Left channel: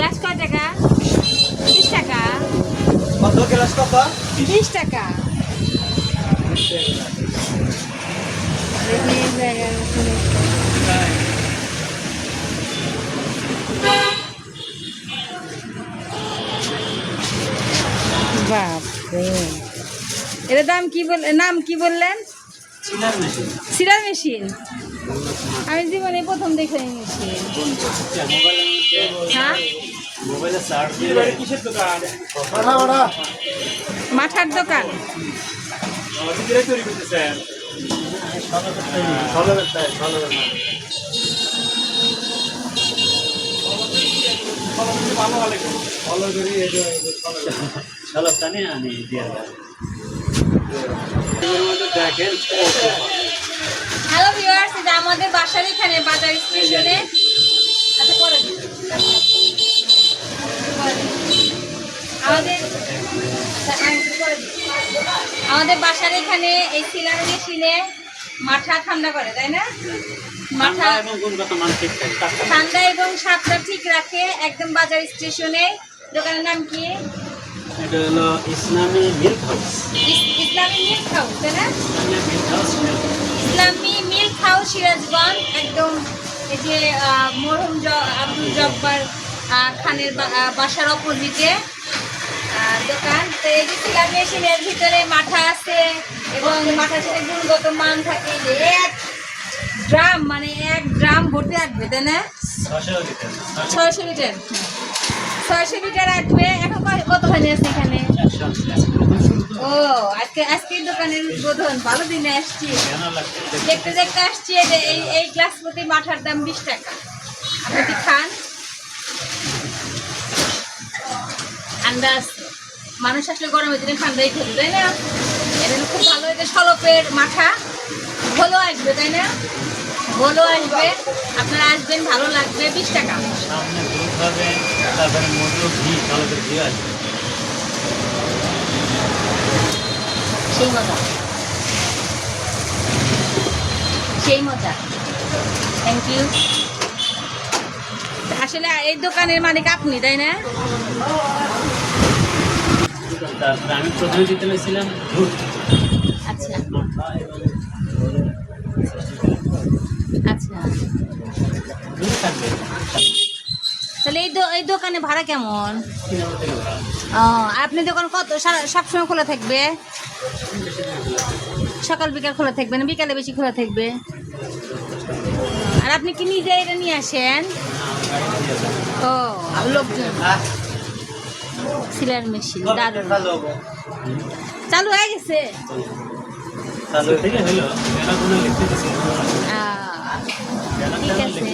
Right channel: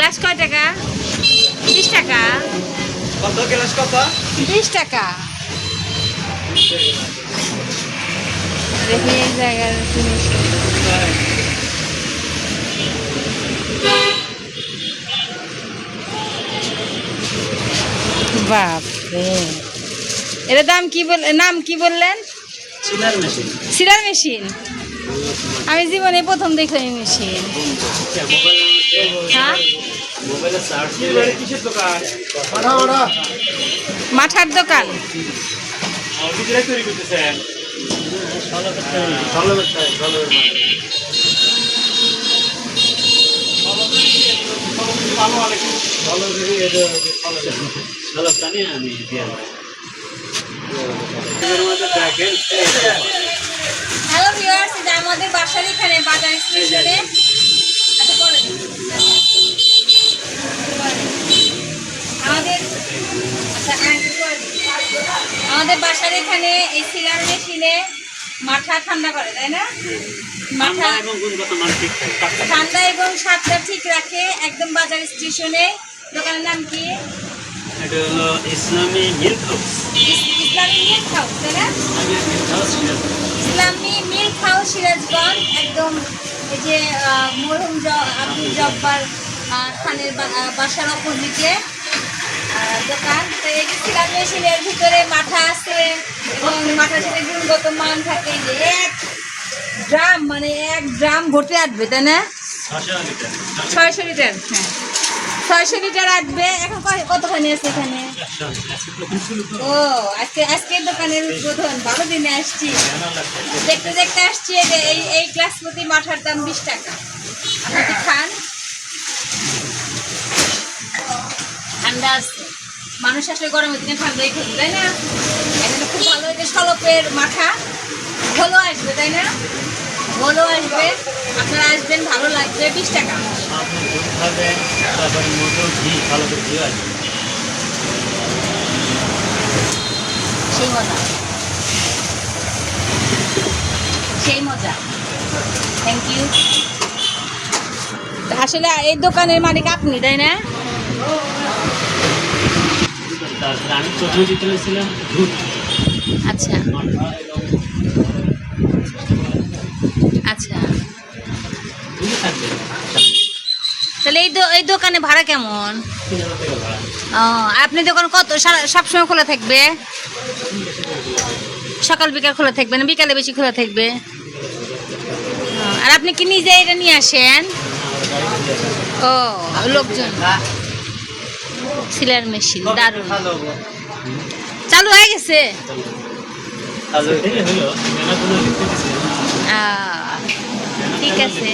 Glass কয় টাকা? বিশ টাকা। কত গ্লাস কত? বিশ টাকা। দেখি এই জায়গার জিনিসটা। বাপরে। এটার দাম কি বল নাম কি বললেন? চিনার মেশিন। আমি জীবনে প্রথম দেখলাম মেশিন। হ্যাঁ? মাঠার দোকান। আমাদের বাসার এখানে বাজার স্টেশনে আচ্ছা পরে দিন। পরে দিন। আমাদের বাসার এখানে এই সিলার মেশিনে মাথা ঠান্ডা করে তাই না? মাথা ঠান্ডা এবং স্বাদটা ঠিক রাখে একদম বাজার স্টেশনে। দোকানের নাম কি? এটা হলো Islami milk house. Islami milk house তাই না? ইসলামী মিল্ক হাউস সিরাজগঞ্জ। একদম এই যে মরহুম আব্দুল জব্বার খানের বাসার অপোজিটে। দোকান। তো এই যে মেশিনের ভিতরে মাথা আছে এবং মাথার সাথে গুণগত মান থাকে। এক ড্রাম মানে এক ড্রাম ভর্তি আসবে তাই না? ছয়শো লিটার। হ্যাঁ। ছয়শো লিটার আসবে। এখন কয়- কতখানি আছে এখানে? ও আজকে আজকের দোকানের উদ্বোধন। ভালো দিনে আসছি। দেখতে দেখতে আসছি এই যে এই এই গ্লাস প্রতি মাঠার দাম বিশ টাকা। আপনি কি খান? ঠান্ডা আছে। মানুষ আসলে গরমের দিনে ঠান্ডাই খেতে তাই না? এখানে খুব ভালো এটা সলপের মাথা ঘোলও আসবে তাই না? ঘোলও আসবে। আপনারা আসবেন ভালো লাগবে বিশ টাকা। ভালো সেই মজা। সেই মজা। থ্যাংক ইউ আসলে এই দোকানের মালিক আপনি তাই না? তারপরে আমি প্রথমে আচ্ছা। আচ্ছা। তাহলে এই এই দোকানে ভাড়া কেমন? ও আপনি দোকান কত? সবসময় খোলা থাকবে? সকাল বিকাল খোলা থাকবে না? বিকালে বেশি খোলা থাকবে? আর আপনি কি নিজে এটা নিয়ে আসেন? ও লোকজন। সিলার মেশিন দারুণ। চালু হয়ে গেছে? ঠিক আছে।